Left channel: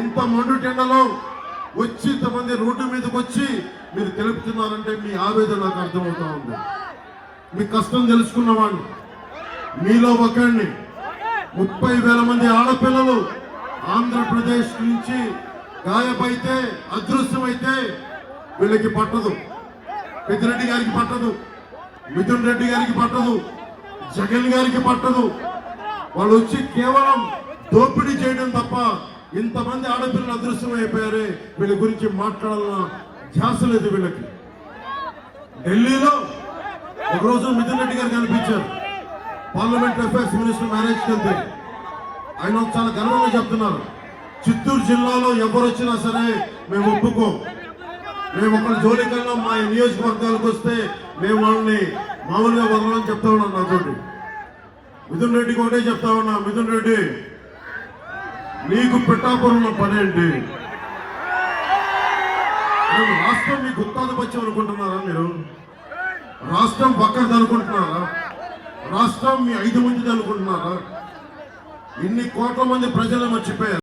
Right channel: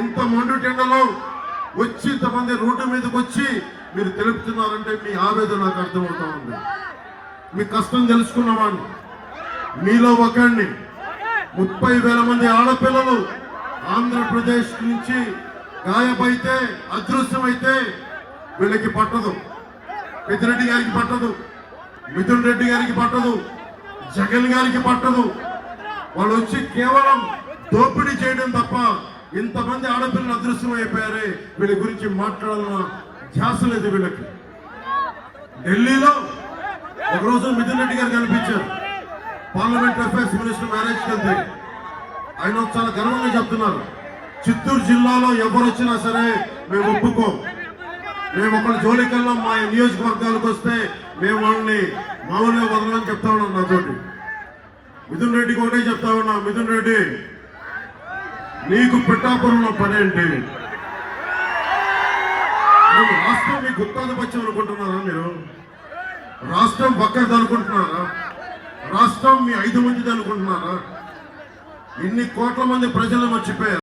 ఇంత మండుటెండలో వచ్చి ఇంతమంది రోడ్డు మీదకి వచ్చి మీరు తెలుపుతున్నారంటే మీ ఆవేదన నాకు అర్థమవుతా ఉంది. మీ కష్టం తెలుసుకున్నామని మీలో ఒకరిని 30,000 మంది ఆడపిల్లలు ఆంధ్రప్రదేశ్ నుంచి గాయపైతే అదృశ్యమైతే వీళ్ళకి పట్టదు. పెద్దిరెడ్డి గారికి పట్టదు, మిథున్ రెడ్డి గారికి పట్టదు, జగన్ గారికి పట్టదు. వాళ్ళు వచ్చి కేవలం దోపిడీ చేయడం తప్ప ఇంతమంది ఆడపిల్లలు అదృశ్యం అయిపోయారే వీళ్ళ గురించి మాట్లాడాలన్న ధ్యాస లేదు వీళ్ళకి. ఢిల్లీలో ఒకరోజు మిథున్ రెడ్డి గారు కనిపించారు. పార్లమెంట్ అఫైర్స్ మినిస్టర్ మ్యారేజ్కి వెళ్తే ఆయన చాలా గర్వంగా చెప్తున్నారు, చిత్తూరు జిల్లాలో ఎవరు వచ్చినా సరే మేము ఒప్పుకోం, మేము ఒకరి జోలికల్లా మా నియోజకవర్గాలకు వస్తే మేము వాళ్ళని మామూలుగా వదలని చెప్తా ఉన్నాం. నాతోటి మిథున్ రెడ్డికి ఒకటే చెప్తా ఉన్నా, మిథున్ రెడ్డి నీకు పిఠాపురంలో పనేంటి? రాష్ట్రం మీకు గుత్తాధిపత్యం అనుకుంటున్నారా? మీరు రాష్ట్రం పక్కది అనుకుంటున్నారా? రాష్ట్రం మీ 5 మందిది అనుకుంటున్నారా? ఇన్ని కోట్ల మంది ప్రజలు మర్చిపోయారు.